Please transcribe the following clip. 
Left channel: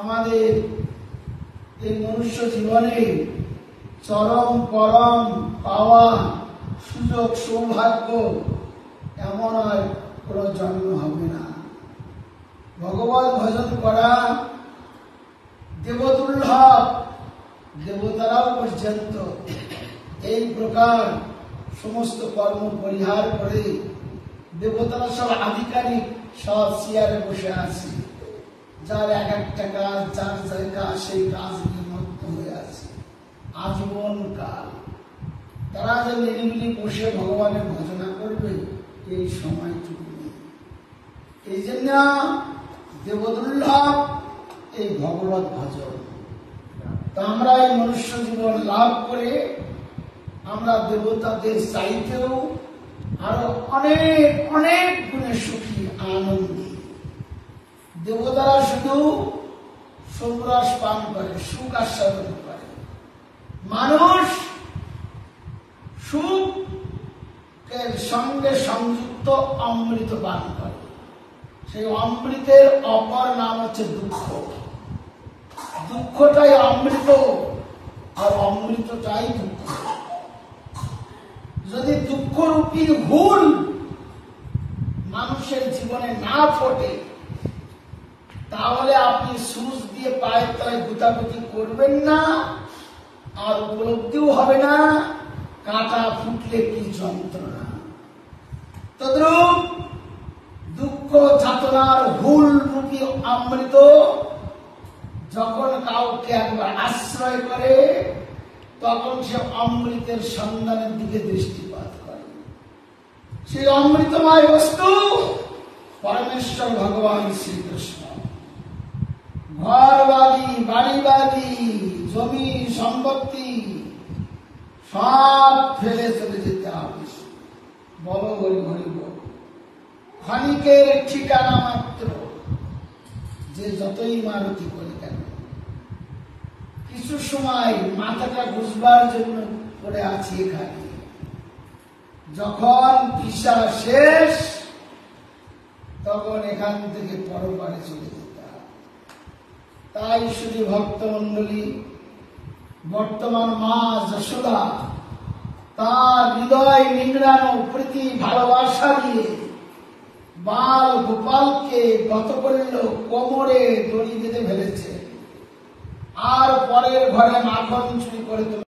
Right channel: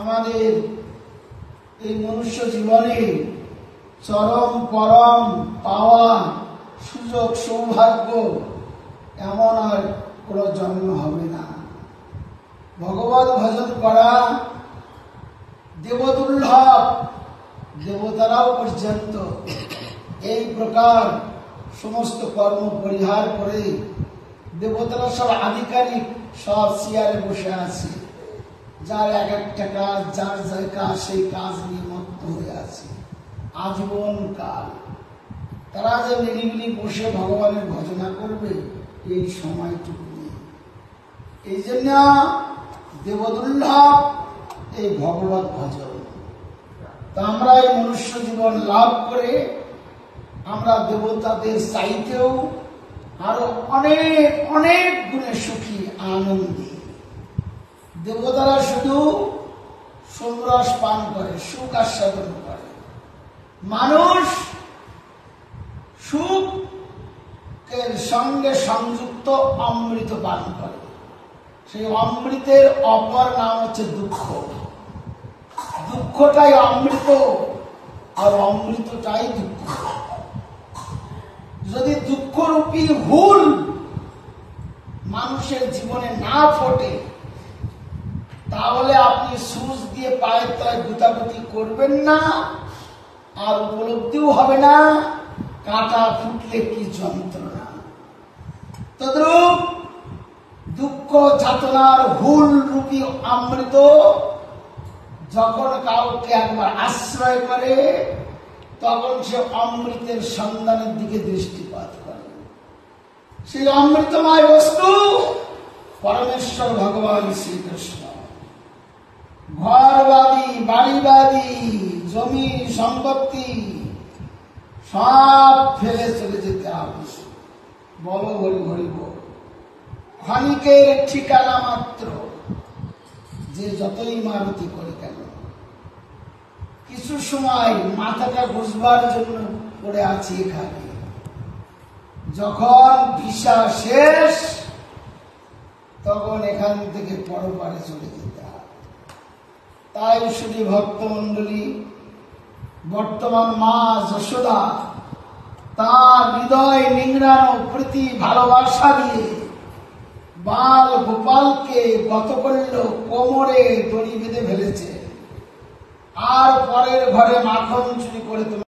আমাদের এই মনুষ্য জীবনে চরম পরম পাওয়া সুযোগ সৌভাগ্য এমন আর কোনো জন্ম হবে না। ভগবত ভজন করা দেবদুর্লভ, দেবতারাও পর্যন্ত এই প্রকার সমস্ত কর্ম পরিহার করে দেবতারা সব আধিকারিক সব চেয়ারে বসে আছে, যার এক একটা কাজ, যার যার কাজ সেই কাজ নিয়ে মত্ত হয়ে আছে আজীবন কাল। তারা যে নিরিবিলি বসে ভগবানের ভজনা করবে এই সময়টুকু নেই। এই জন্য দেবদুর্লভ এই ভগবত ভজন। তা আমরা এই মনুষ্য জীবন লাভ করে আমরা দেবতাদের চাইতেও আরো অনেক অনেক গুণে সুখী আনন্দী। দেবতারা শুধু সোমরস পান করে, সুখ আস্বাদন করে, মানুষ সুখের সঙ্গে সংযুক্ত অমৃত পান করে। সেই অমৃতের অপর নাম হচ্ছে দুঃখ। দুঃখটাই অমৃত আর অমৃতটাই দুঃখ। যদি দুঃখরূপী হুল মানুষের জীবনে না ফোটে তাহলে আপনি সুচ দিয়ে পায়ের তলায় গুতাগুতি করবেন না, আর উপলব্ধিও হবে না কাঁটা ফুটলে কি যন্ত্রণা। তদ্রূপ দুঃখ যাতনার হুল রূপী অমৃত যখন কাউকে একবার আশ্রয় করে তখন সে অমৃতের সন্ধানের দিকে দৃষ্টিপাত করে। সেই অমৃতময় বস্তু পরমেশ্বর ভগবান শ্রীকৃষ্ণ। ঘরবাদী, বাড়িবাদী, জমি সম্পত্তি সব ফেলে চলে যেতে হবে। বলো হরি হরি বল। ক্ষণিকের ঠিকানা মাত্র, যে যতই মারুতি করে কেন কিছু সময় মাথাটা বুঝবার জন্য পড়ে আছি এখানে। যখন ভিসা শেষ তখন এখান থেকে পরপারে চলে যেতে হবে। তাই শুধু ভক্তমন্ডলী বর্তমান মা যশোদা তার হৃদয় নিংড়ানো প্রীতি ভালোবাসা দিয়ে বাল গোপালকে গত করল, কোমরে দড়ি বেঁধে ফেলেছে, আর পরের ঘরে মাখন চুরি করে